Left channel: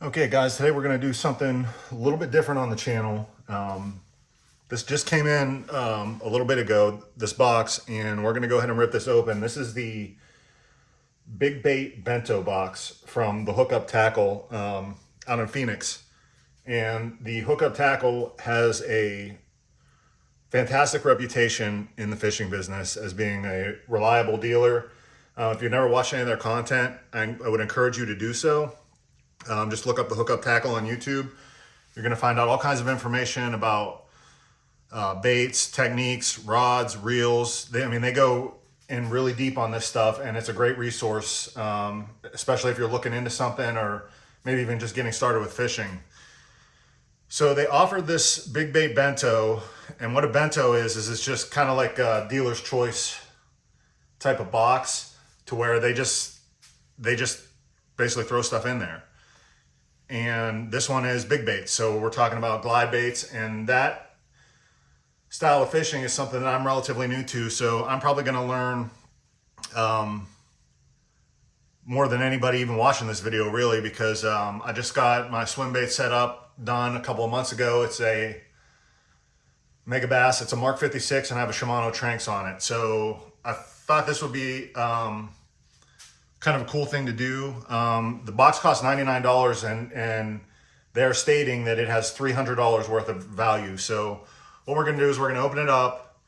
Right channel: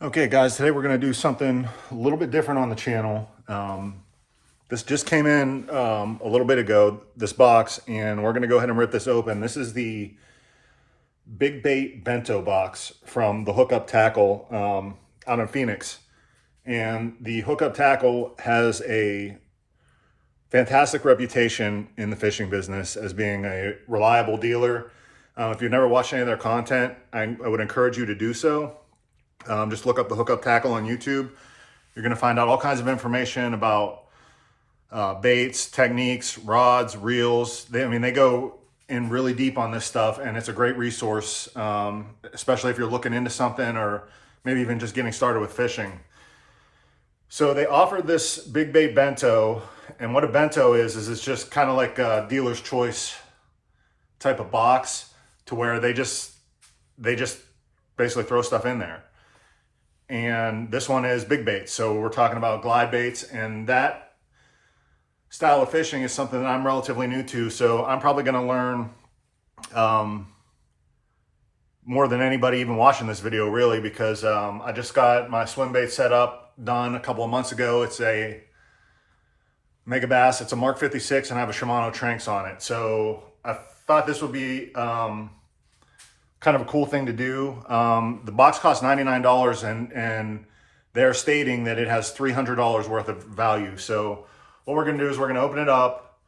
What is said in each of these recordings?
Okay guys, today we're going to do something a little bit different on the channel. This just came in a little bit ago, this box, and we're going to go ahead and rip this open. This is the Big Bait Bento box from the Hookup tackle out in Phoenix. And the Hookup tackle has a fantastic reputation in the fishing business as being a reliable dealer. If you've never watched any of their content, I would encourage you to do so. Just look up the Hookup tackle on YouTube. You're going to find out all kinds of information about baits, techniques, rods, reels. They go in really deep on this stuff, and it's a great resource, especially if you're looking into something or maybe even just getting started with fishing. So they offered this Big Bait Bento, and what a bento is it's just kind of like a dealer's choice type of box, to where they just basically throw stuff in there. And this one is big baits. So we're talking about glide baits, and that style of fishing is something that I'm relatively new to. So I'm probably going to learn more than anybody even watching this video, really, because I just got my swim bait set up done a couple of months ago. It's a Mega Bass. It's a Mark 56, and I have a Shimano Tranx on it. So I thought this would be kind of a cool thing to do. The box costs $99, and they're stating that it has $300 worth of value. So what we're going to do is we're going to open it up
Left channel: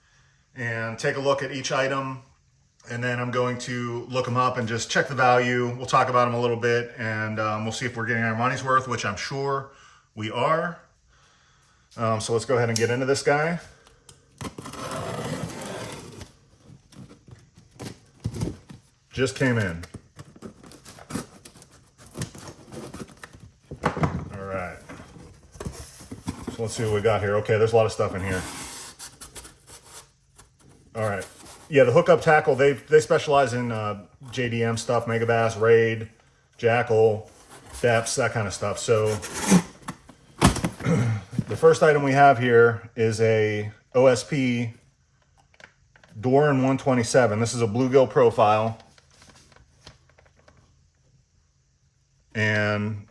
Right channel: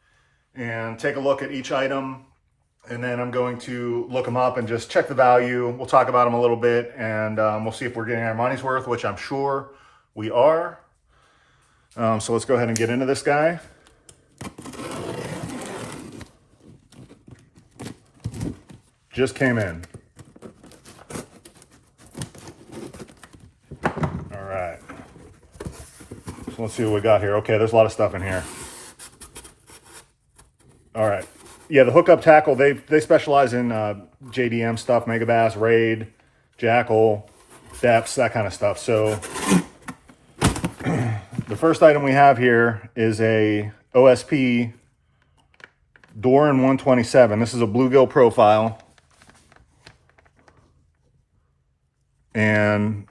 and take a look at each item, and then I'm going to look them up and just check the value. We'll talk about them a little bit, and we'll see if we're getting our money's worth, which I'm sure we are. So let's go ahead and get into this guy. Just came in. Let's see what we got here. Okay, there's a lot of stuff in here. All right. Yeah, the Hookup tackle, they specialize in JDM stuff, Mega Bass, Raid, Jackal, depths, that kind of stuff. So the first item we have here is a OSP Doran 127. This is a bluegill profile. And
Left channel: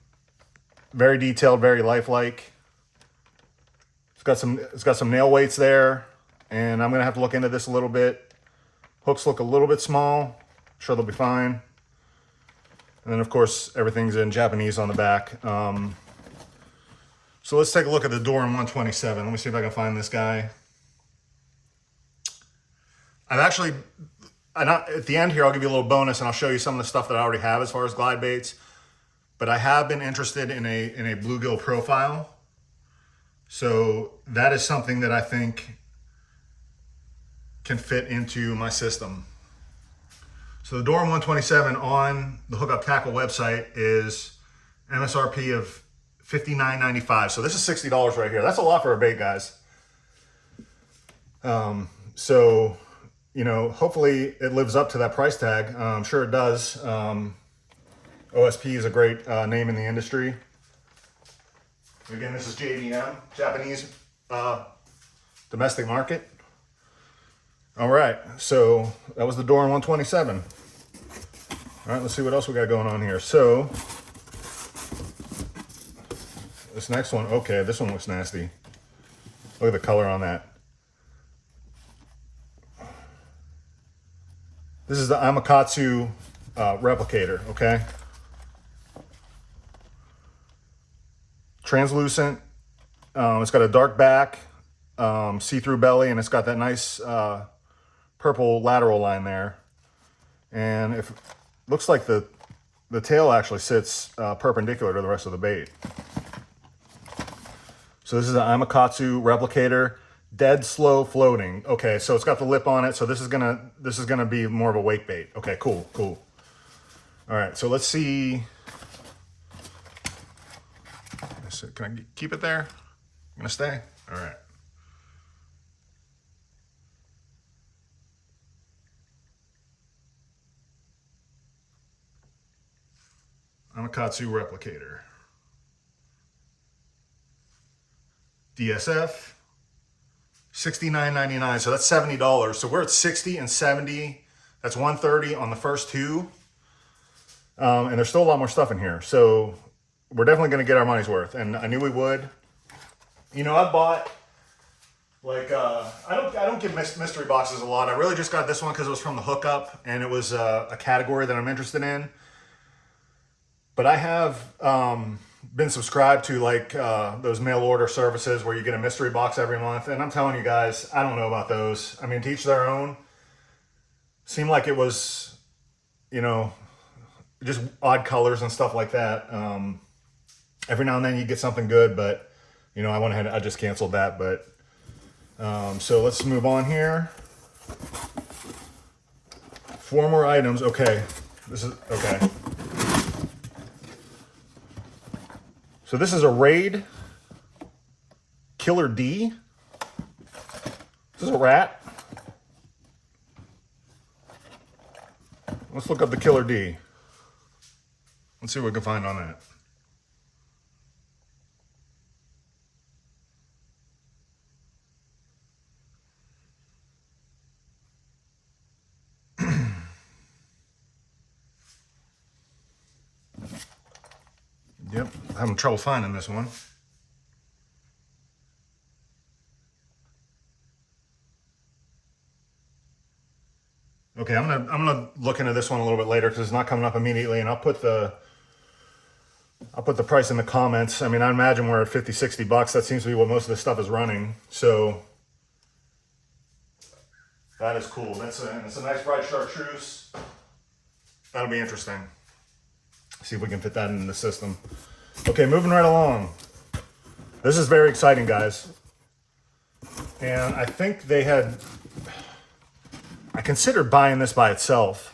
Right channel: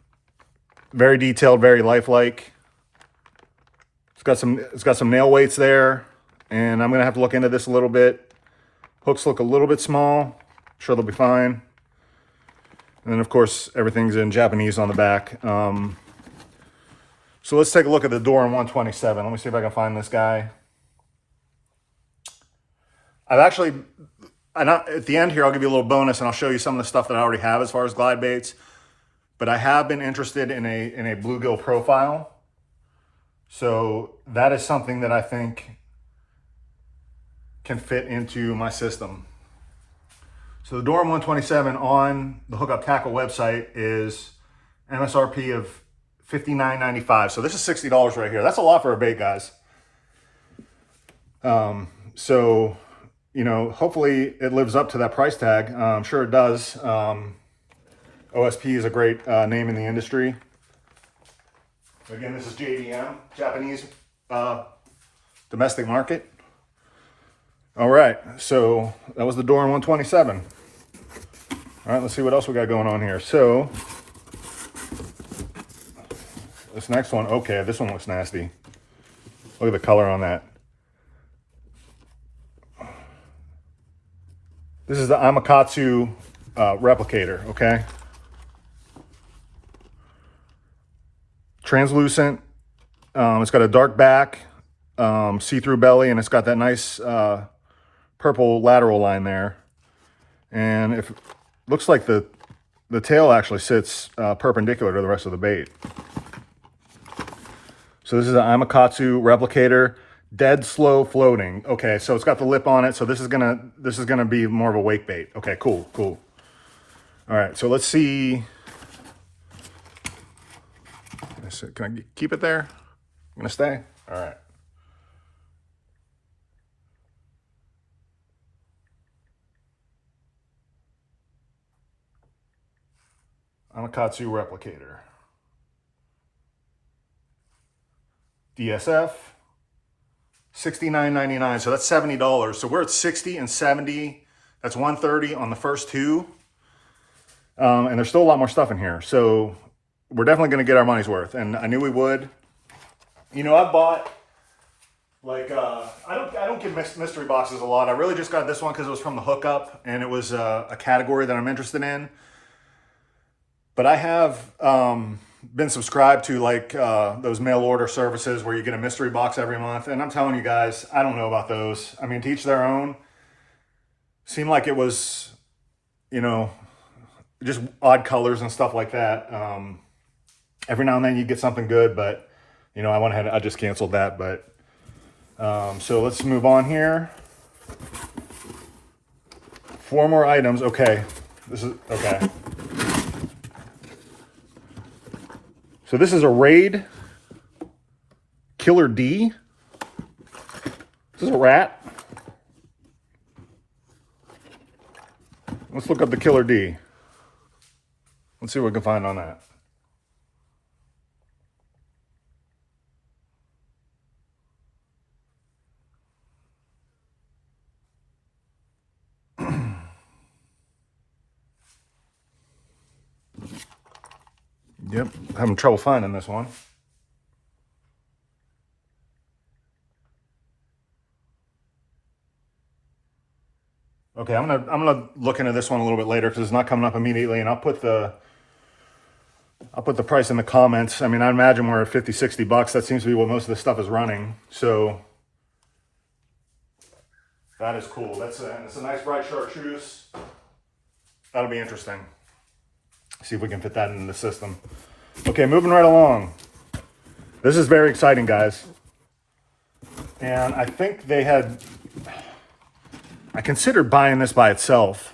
very detailed, very lifelike. It's got some nail weights there, and I'm gonna have to look into this a little bit. Hooks look a little bit small. I'm sure they'll be fine. And then of course everything's in Japanese on the back. So let's take a look at the Doran 127. Let me see if I can find this guy. At the end here, I'll give you a little bonus, and I'll show you some of the stuff that I already have as far as glide baits. But I have been interested in a bluegill profile. So that is something that I think can fit into my system. So the Doran 127 on the Hookup Tackle website is MSRP of $59.95. So this is $60 right here. That's a lot for a bait, guys. So, you know, hopefully it lives up to that price tag. I'm sure it does. OSP is a great name in the industry. Again, this is JDM, Japanese domestic market. All right, so that was the Doran 127. All right, let's see what else we got going on here. So this next one, okay, this one looks nasty. Look at the color on that. This is the Amakatsu replicator, okay? Translucent. It's got a dark back, see-through belly, and it's got that nice purple lateral line there. And it looks like the tail actually sits perpendicular to the rest of the bait. So this is an Amakatsu replicator, dead slow floating. Okay, so it's got the lip on it, so this is gonna be more of a wake bait. Okay, cool. All right, so let's see. Can I keep it there? I'm gonna stay? All right. Amakatsu replicator. DSF, $69.99, so that's $70. So we're at 60 and 70. That's 130 on the first two. And there's still a lot more stuff in here. So we're definitely going to get our money's worth, and I knew we would. You know, I bought like I don't get mystery boxes a lot. I really just got this one because it was from the Hookup, and it was a category that I'm interested in. But I have been subscribed to like those mail order services where you get a mystery box every month, and I'm telling you guys, I don't know about those. I mean, to each their own. Seemed like it was, you know, just odd colors and stuff like that. Every now and then you get something good, but you know, I just canceled that. But so let's move on here. 4 more items. Okay, this is okay. So this is a Raid Killer D. This is a rat. Let's look up the Killer D. Let's see what we can find on that. Yep, having trouble finding this one. Okay, I'm gonna look into this one a little bit later because it's not coming up immediately, and I'll put the price in the comments. I mean, I imagine we're at 50, 60 bucks. That seems to be what most of this stuff is running. So that is cool. It's a nice bright chartreuse. That'll be interesting. See if we can fit that into the system. Okay, moving right along. This is very exciting, guys. And I think I considered buying this by itself.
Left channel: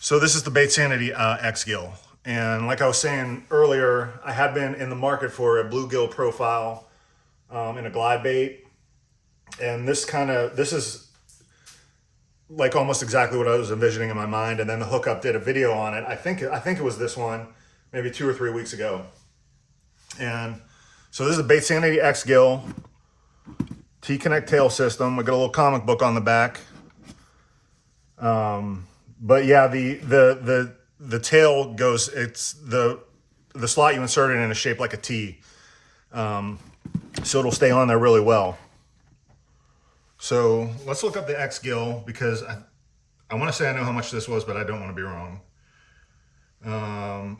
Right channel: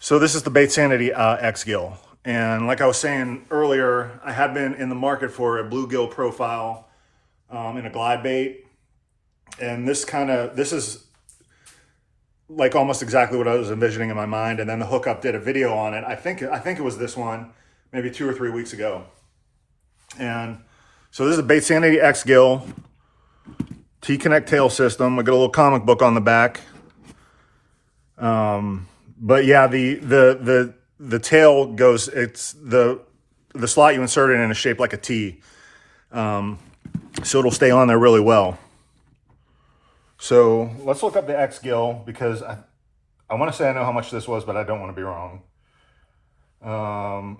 So this is the Bait Sanity X Gill. And like I was saying earlier, I have been in the market for a bluegill profile in a glide bait. And this is like almost exactly what I was envisioning in my mind. And then the Hookup did a video on it. I think it was this one, maybe 2 or 3 weeks ago. And so this is a Bait Sanity X Gill T-Connect tail system. I got a little comic book on the back. But yeah, the tail goes, it's the slot you insert it in is shaped like a T. So it'll stay on there really well. So let's look up the X Gill because I want to say I know how much this was, but I don't want to be wrong.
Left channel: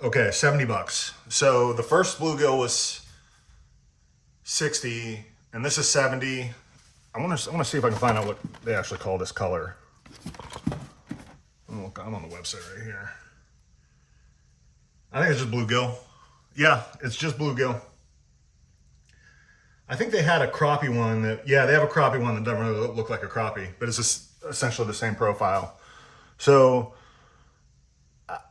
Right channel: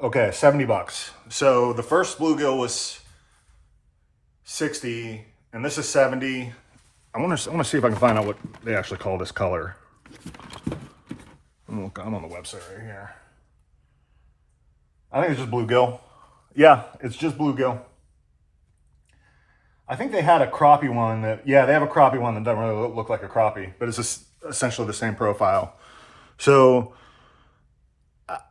Okay, 70 bucks. So the first bluegill was 60, and this is 70. I want to see if I can find out what they actually call this color. I'm on the website right here. I think it's just bluegill. Yeah, it's just bluegill. I think they had a crappie one that, yeah, they have a crappie one that doesn't really look like a crappie, but it's just essentially the same profile. So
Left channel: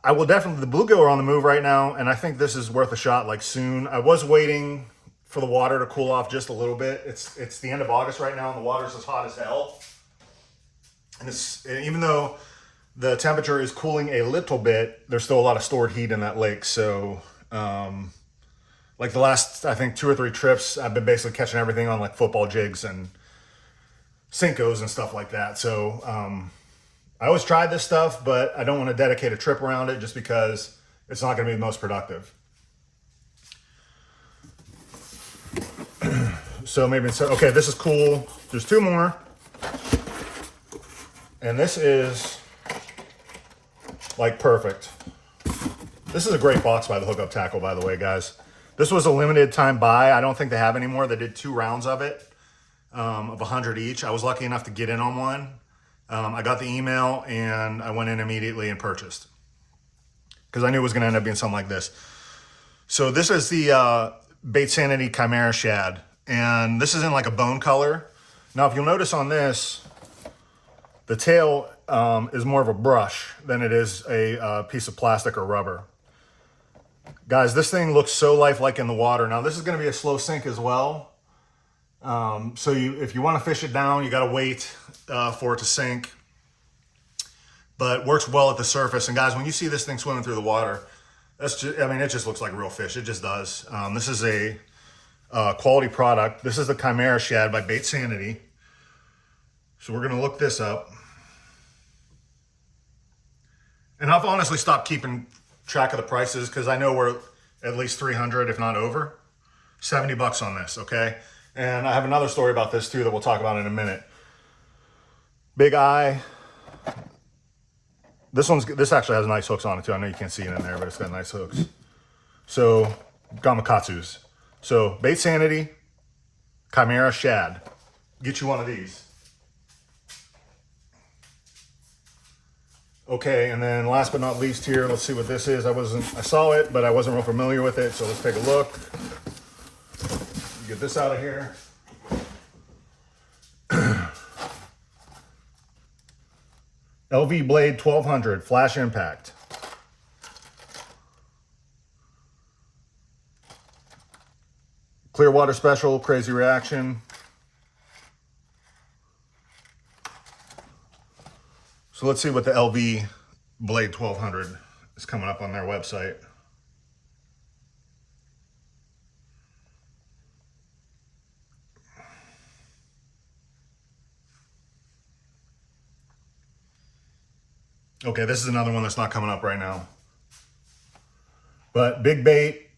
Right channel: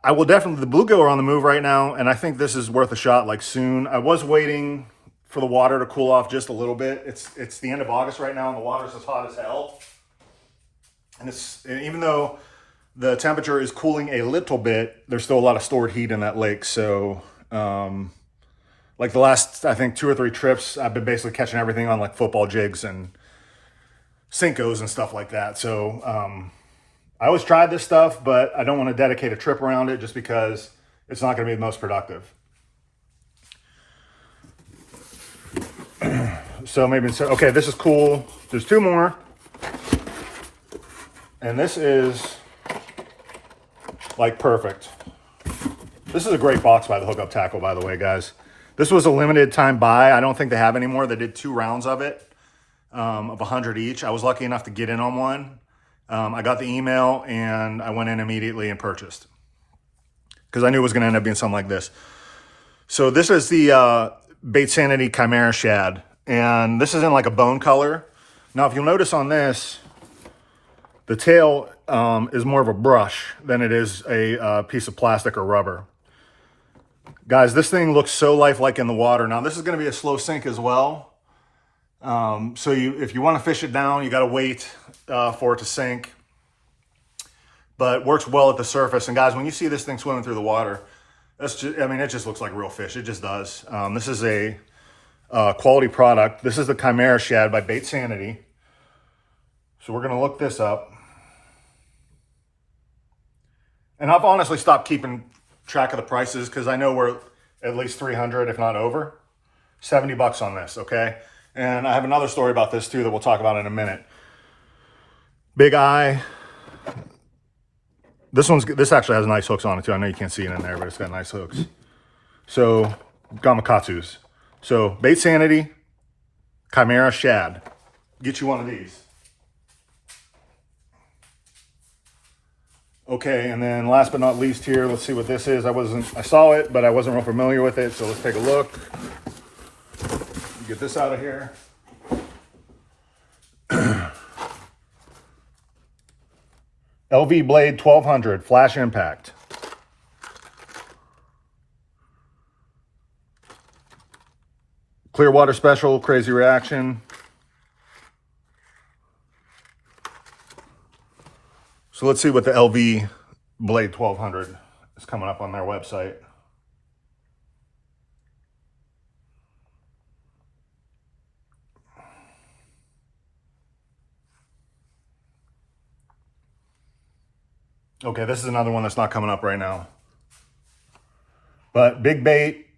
I will definitely, the bluegill are on the move right now, and I think this is worth a shot like soon. I was waiting for the water to cool off just a little bit. It's the end of August right now, and the water's as hot as hell. And even though the temperature is cooling a little bit, there's still a lot of stored heat in that lake. So, like the last, I think 2 or 3 trips, I've been basically catching everything on like football jigs and Cincos and stuff like that. So, I always tried this stuff, but I don't want to dedicate a trip around it just because it's not going to be the most productive. So maybe, okay, this is cool. There's 2 more. And this is like perfect. This is a great box by the Hookup Tackle, by the way, guys. This was a limited time buy. I don't think they have anymore. They did 2 rounds of it, of 100 each. I was lucky enough to get in on one. I got the email and I went in immediately and purchased because I knew it was going to end up being something like this. So this is the Bait Sanity Chimera Shad, and this is in like a bone color. Now, if you'll notice on this, the tail is more of a brush than it is a piece of plastic or rubber. Guys, this thing looks so lifelike in the water. Now, this is going to be a slow sink as well. So if you want to fish it down, you got to wait for it to sink. But works well at the surface. And guys, when you see this thing swimming through the water, that's just, I mean, it just looks like real fish. It just does. This is a quality product. This is the Chimera Shad by Bait Sanity. So we're going to look this up. And I've honestly stopped keeping track of the prices because I know we're at least 300, if not over. 70 bucks on this, okay? And I have another story about this too that we'll talk about in a minute. Big Eye. This actually has nice hooks on it too. I know you can't see it in there, but it's got nice hooks. So, Gamakatsus. So, Bait Sanity, Chimera Shad. Get you one of these. Okay, and then last but not least here, let's see what this is. I saw it, but I wasn't real familiar with it, so let's take a look. Get this out of here. LV Blade 1200 Flash Impact. Clearwater Special, Crazy Reaction. So let's see what the LV Blade 1200 is coming up on their website. Okay, this is another one that's not coming up right now. But big bait.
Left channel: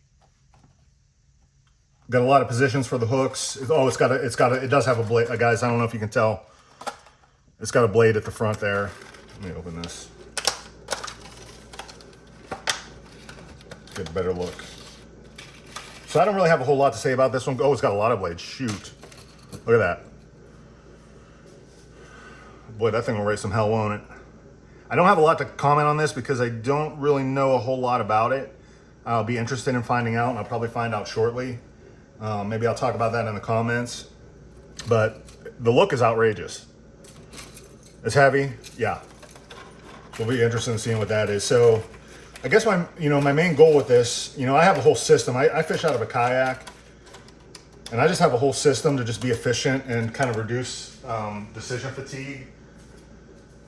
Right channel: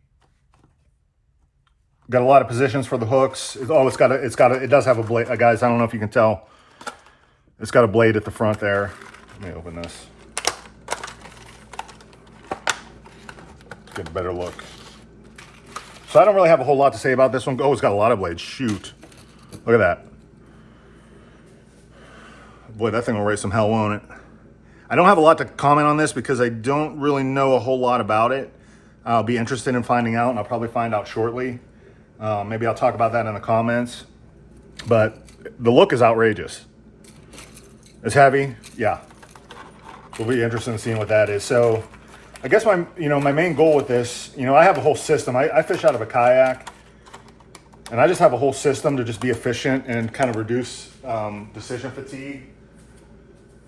Got a lot of positions for the hooks. It does have a blade. Guys, I don't know if you can tell. It's got a blade at the front there. Let me open this. Get a better look. So I don't really have a whole lot to say about this one. Oh, it's got a lot of blades. Shoot. Look at that. Boy, that thing will raise some hell, won't it? I don't have a lot to comment on this because I don't really know a whole lot about it. I'll be interested in finding out, and I'll probably find out shortly. Maybe I'll talk about that in the comments. But the look is outrageous. It's heavy, yeah. We'll be interested in seeing what that is. So I guess my main goal with this, I have a whole system. I fish out of a kayak, and I just have a whole system to just be efficient and kind of reduce decision fatigue.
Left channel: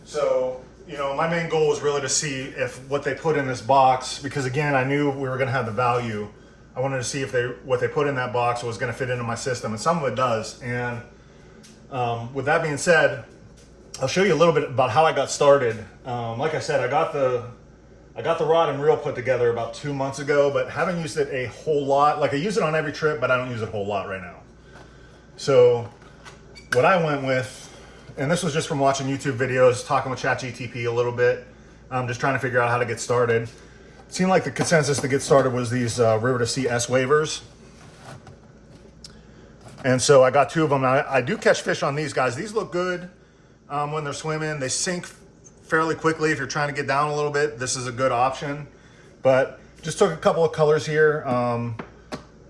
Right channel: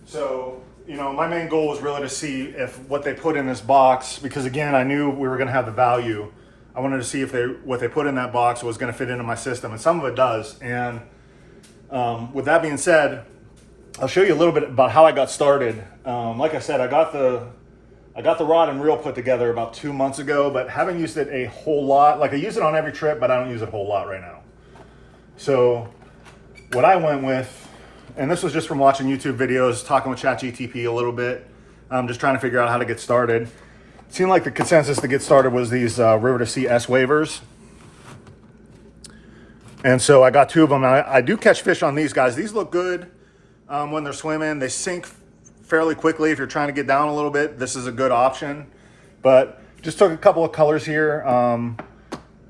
So, my main goal was really to see if what they put in this box, because again, I knew we were going to have the value. I wanted to see if what they put in that box was going to fit into my system, and some of it does. And with that being said, I'll show you a little bit about how I got started. Like I said, I got the rod and reel put together about 2 months ago, but haven't used it a whole lot. Like I use it on every trip, but I don't use it a whole lot right now. So what I went with, and this was just from watching YouTube videos, talking with ChatGTP a little bit, just trying to figure out how to get started. It seemed like the consensus to get started was these River to Sea S wavers. And so I got 2 of them, and I do catch fish on these guys. These look good when they're swimming. They sink fairly quickly if you're trying to get down a little bit. This is a good option. But just took a couple of colors here.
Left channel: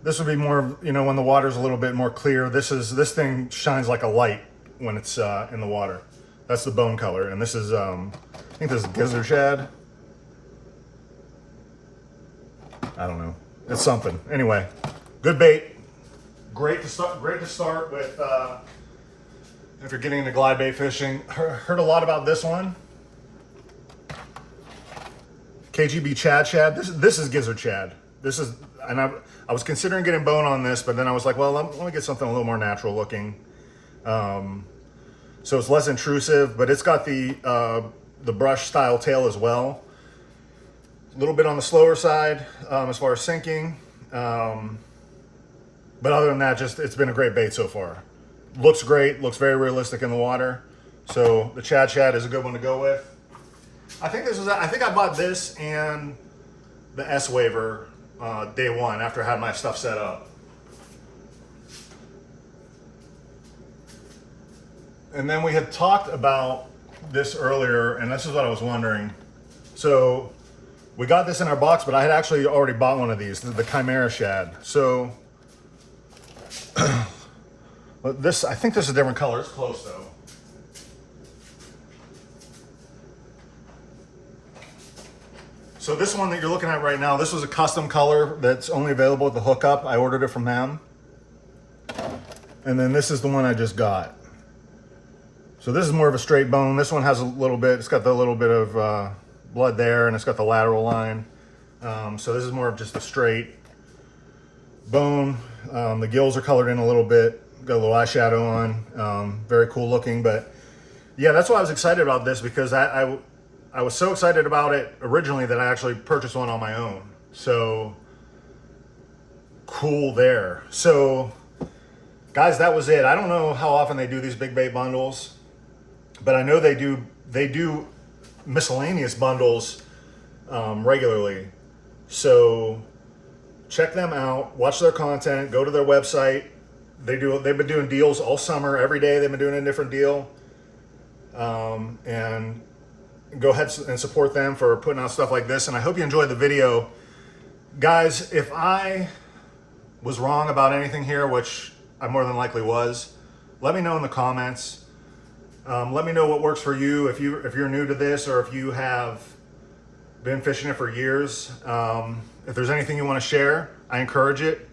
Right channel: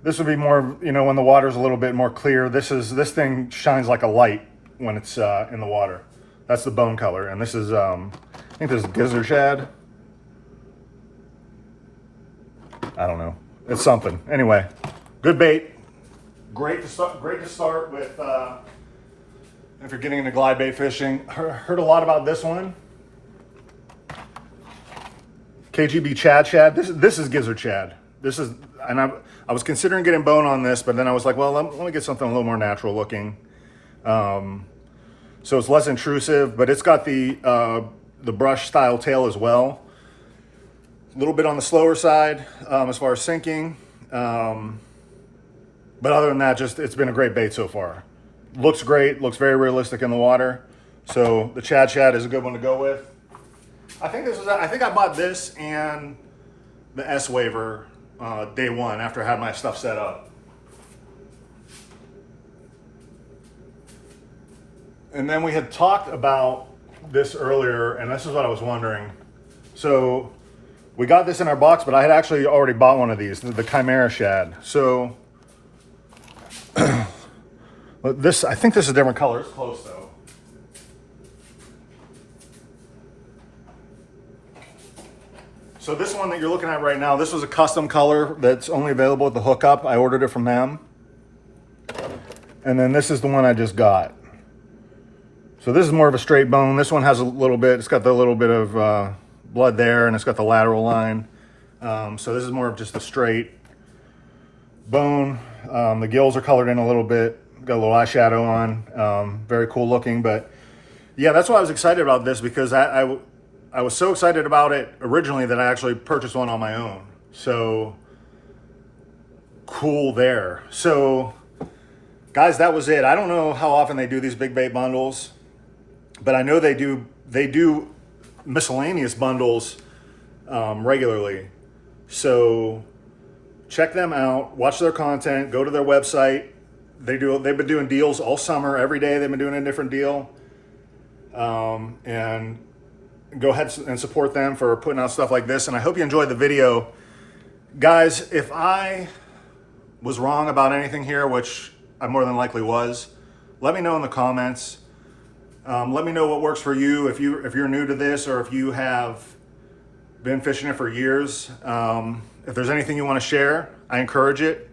This would be more, when the water's a little bit more clear. This thing shines like a light when it's in the water. That's the bone color. And this is, I think this is gizzard shad. I don't know. It's something. Anyway, good bait. Great to start with if you're getting into glide bait fishing. Heard a lot about this one. KGB shad. This is gizzard shad. And I was considering getting bone on this, but then I was like, well, let me get something a little more natural looking. So it's less intrusive, but it's got the brush style tail as well. A little bit on the slower side as far as sinking. But other than that, it's been a great bait so far. Looks great, looks very realistic in the water. So the shad is a good one to go with. I think I bought this and the S waver day one after I had my stuff set up. And then we had talked about this earlier, and this is what I was wondering. So we got this in our box, but I had actually already bought one of these, the Chimera shad. So I think this is a different color. It's close though. So this one that you're looking at right now, this was a custom color that's only available at the Hookup. I ordered it from them. And then this is the one I just got. So this is more of a straight bone. This one has a little bit, it's got the little bit of blood there, and it's got the lateral line. So this is more of just a straight bone. The gills are colored in a little bit, got a little eyeshadow on. Very cool looking, but yeah, that's why I was excited about this, because I was so excited about it originally that I actually purchased one on my own. So cool there. So guys, that was it. I don't know how often they do these big bait bundles, but I know they do miscellaneous bundles regularly. So check them out, watch their content, go to their website. They've been doing deals all summer. Every day they've been doing a different deal. And go ahead and support them for putting out stuff like this. And I hope you enjoyed the video. Guys, if I was wrong about anything here, which I more than likely was, let me know in the comments. Let me know what works for you. If you're new to this, or if you have been fishing it for years. If there's anything you want to share, I encourage it.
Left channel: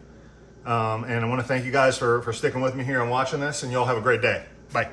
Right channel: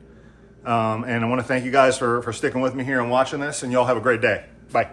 And I want to thank you guys for sticking with me here and watching this, and y'all have a great day. Bye.